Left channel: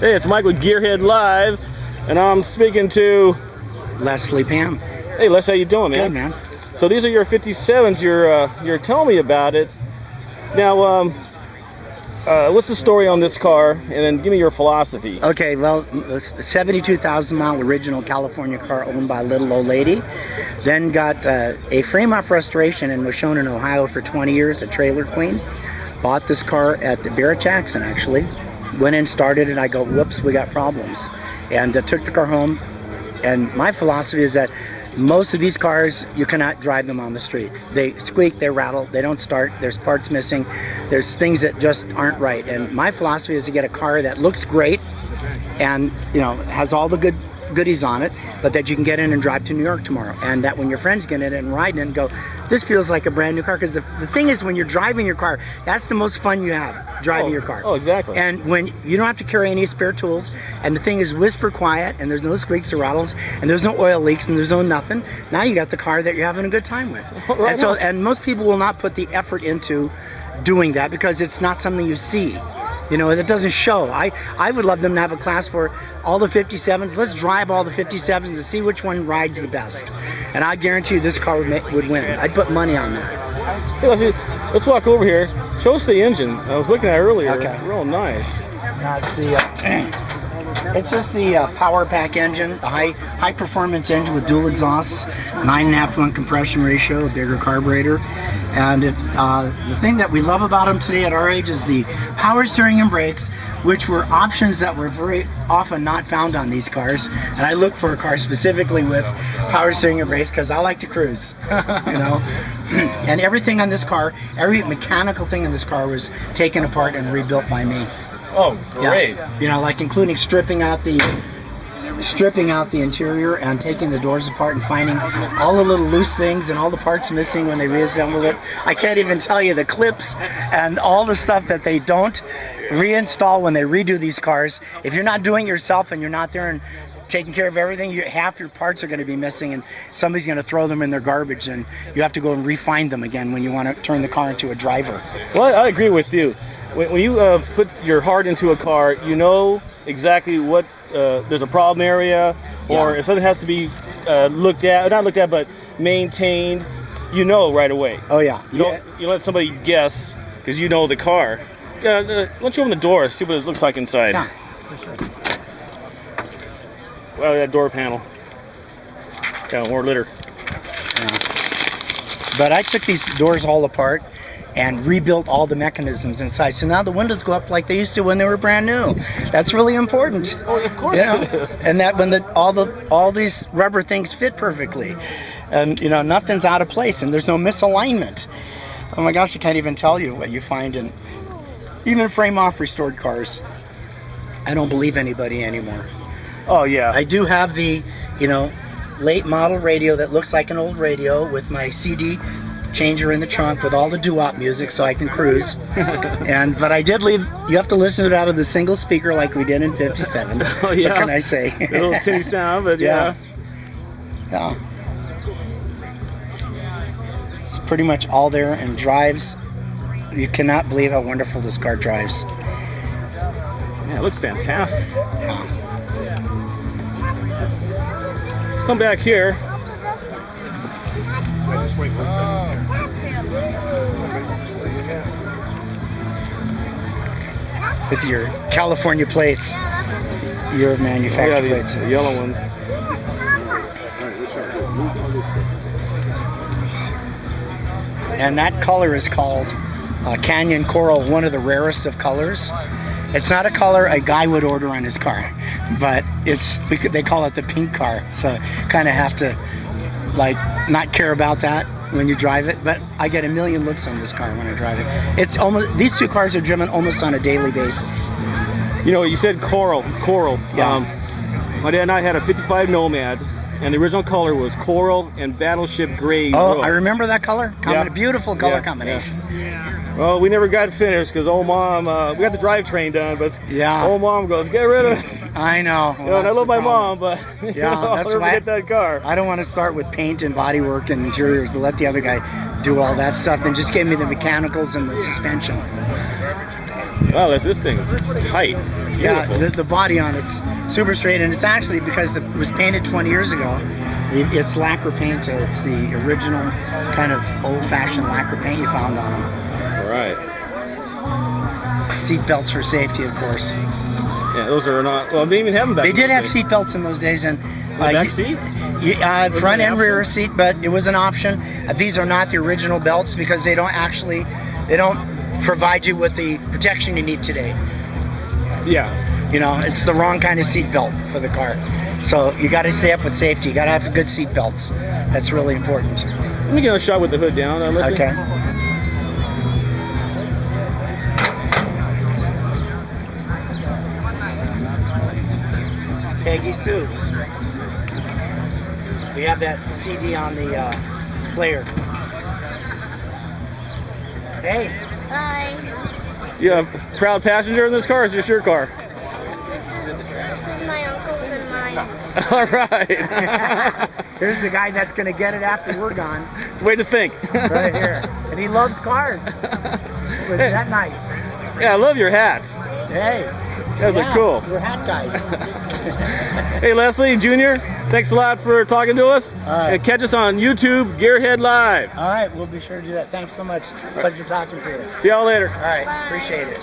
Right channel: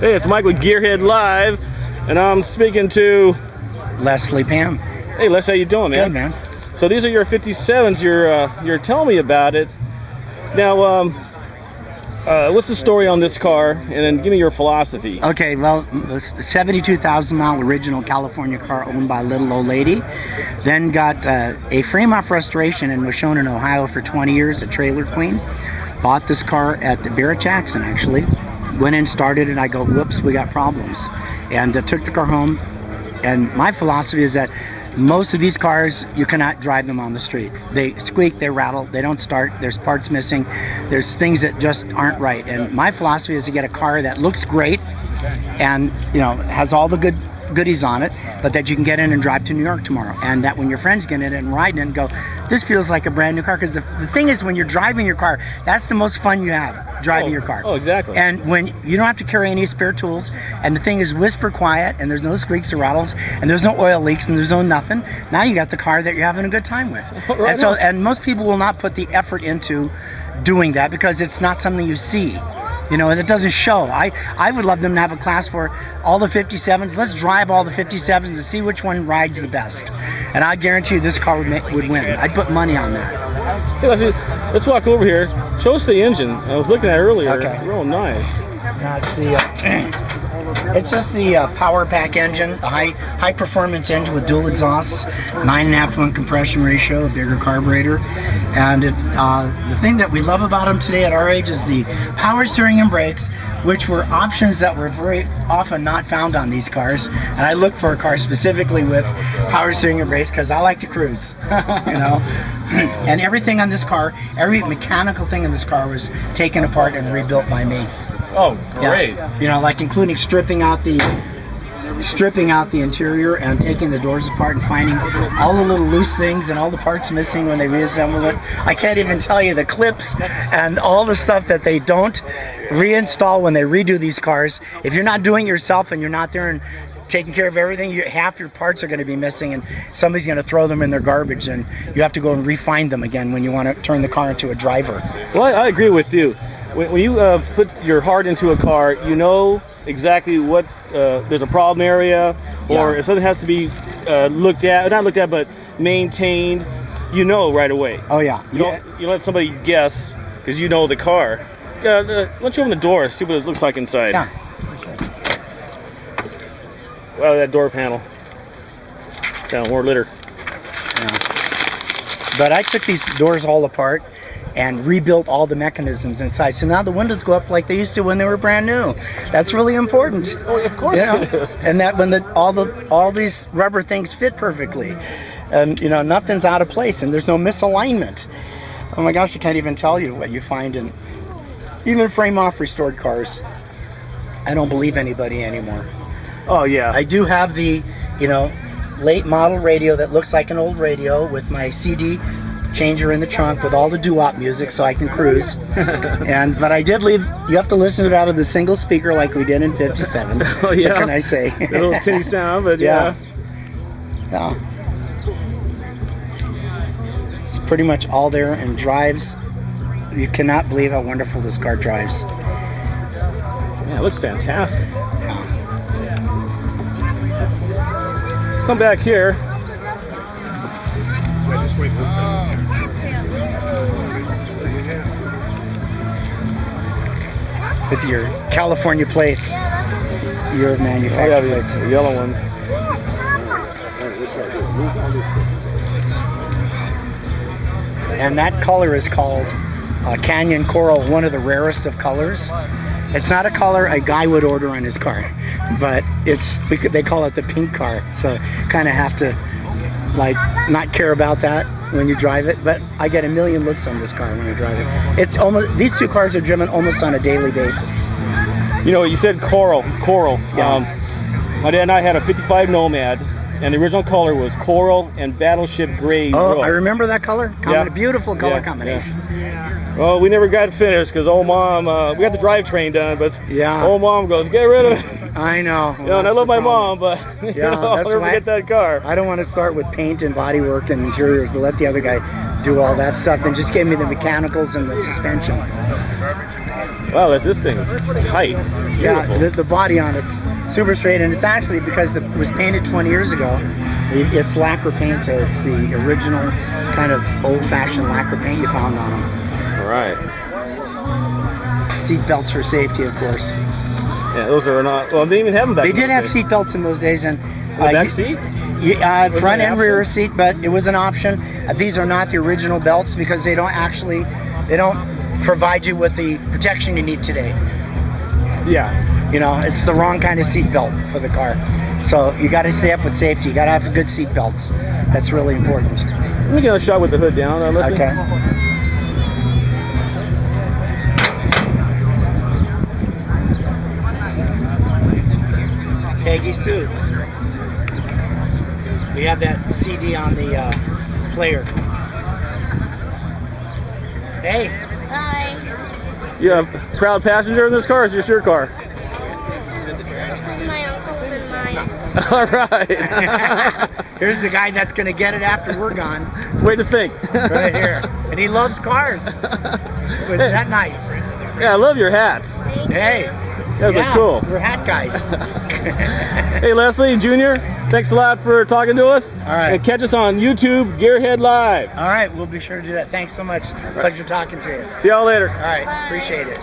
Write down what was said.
Hey, it's Mike with Gearhead Live, and I'm speaking to Leslie Pam. Hey, Les, how you doing, man? Good, man. So these are your 57s. You're telling me about it. Now, what's the story on this car? And then give me your philosophy. Okay, well, it's a 72,000 mile original California car owned by a little old lady. Then got a frame-off restoration and was shown in Ohio for 20 years at Trailer Queen. Bought this car at the Barrett Jackson, actually. Went in, started, and I go, whoops, we got problems. And took the car home. And my philosophy is that most of these cars, you cannot drive them on the street. They squeak, they rattle, they don't start, there's parts missing, there's things that just aren't right. And my philosophy is to get a car that looks great and, you know, has all the goodies on it, but that you can get in and drive to New York tomorrow. And that when your friends get in it and ride in and go, this feels like a brand new car. Because the thing is, when you're driving your car, that's the most fun you have, driving your car. Oh, exactly. And when you don't have to carry any spare tools, and the thing is whisper quiet, and there's no squeaks or rattles, and there's no oil leaks, and there's no nothing. Now you got the car that you're having a good time with. Right. And most people will not put the effort into doing that because it's not something you see. You know, and it doesn't show. I would love them to have a class for all the 57s. Let's drive all the 57s and see which one rides the best. And I guarantee you this car would win. I'd put money on that. Hey, let's walk over here. Show us the engine. I was looking at it earlier. Okay. Real nice. It's just the power pack engine, the high performance engine with dual exhausts, 9.5-to-1 compression ratio, a bigger carburetor. And the thing that we love about them today at our age is the power steering and brakes, which were options that were very often not found on these cars. And I look for a car specifically with power steering and brakes because I like to cruise, you know. And everything on this car, every mechanical thing in this car was taken apart and rebuilt by me. Oh, great. Yeah. You know, like including stripping out the interior and taking the doors apart and finding all the little loose things and all the parts missing when they reassemble it. I can't even tell you the clips and all the stuff that they don't reinstall when they redo these cars. If you're not doing it yourself and you're not there and taking care of everything, half your parts are going to be missing and somebody's going to throw them in their garbage and you have to go and refine them again when you want to turn the car into a driver. Well, I agree with you. When you put your heart into a car, you know exactly what there's a problem area, or if something has to be not looked at, but maintained. You know right away. Oh yeah. You let somebody guess because you know the car. Why don't you open the door? See what it looks like inside. Yeah, for sure. Wow, that door panel. Kind of more litter. Yeah. But I took these doors all apart and rebuilt all the mechanisms inside. So now the windows go up like they used to when they were brand new. That's really important. Oh, of course it is. And that when all these rubber things fit perfectly, and you know nothing's out of place, and there's no misalignment. Oh my gosh, I can't even tell you what you find in even frame-off restored cars. I don't believe anybody anymore. Oh yeah. I do have the, you know, late model radio that looks like an old radio with my CD changer in the trunk with all the doo-wop music so I can cruise. But I did leave, you have to listen to it out of the single speaker like we did in 57. Oh yeah. What can I say? A little tinny sound, but yeah. Yeah. It's pretty much all there and drives. You cannot believe how wonderful this car drives. Man, it looks fantastic. Let's come back here. With your California plates, your manufacturer. Oh yeah, plates. the yellow ones. And that color is called Canyon Coral, one of the rarest of colors. It's not a color a guy would order on his car, but they call it the pink car. So kind of have to like not care about that when you drive it. But I get a million looks on this car when I drive it. It's almost, these two cars are driven almost on a daily basis. You know, you said coral. Yeah. My dad and I had a 55 Nomad, and the original color was coral and battleship gray. Oh, roof. I remember that color. Yeah. Beautiful color combination. Yeah. Well, we never got finished because old mom, we got the drivetrain done, but old mom goes, get rid of it. I know. You know, and I love my mom, but you know, I'll never forget that car. I don't want to start with paint and bodywork and interiors to let the other guy do all that stuff. Then just gave me the mechanicals and the suspension. Wow, this thing is tight. Beautiful. Yeah, the body on it's super straight, and it's actually because it was painted 20 years ago. It's lacquer paint. It's the original kind of old-fashioned lacquer paint you found on them. All right. Seat belts for safety, of course. Yeah, those are not. Well, they didn't even have them back. They in did the have day. seat belts in those days, and The back seat? front and rear seat, but it was an option. These are not the original belts because they don't provide you with the protection you need today. Yeah. You know, it's the wrong kind of seat belt for the car. So you got to stay up with safety. You got to have good seat belts. That's really important. Let me get a shot with the hood down, Leslie. Okay. Peggy's too. We have that CD on the player. Hey. Hi. You have a proud passenger in this car, or is this your car? This is my uncle's and mine. All right. Here's the guy that's going to get it after we're gone. It's way to think. Right here. And he loves cars. Was that nice? Yeah, I love your hats. Thank Hey. you. You guys are cool. We're hat guys. Hey, Leslie Jr., thanks a lot for talking to us. All right. And catch us on YouTube, Gearhead Live. All right, we'll be sure to do that. Thanks so much. Pleasure talking to you. See y'all later. All right, appreciate it.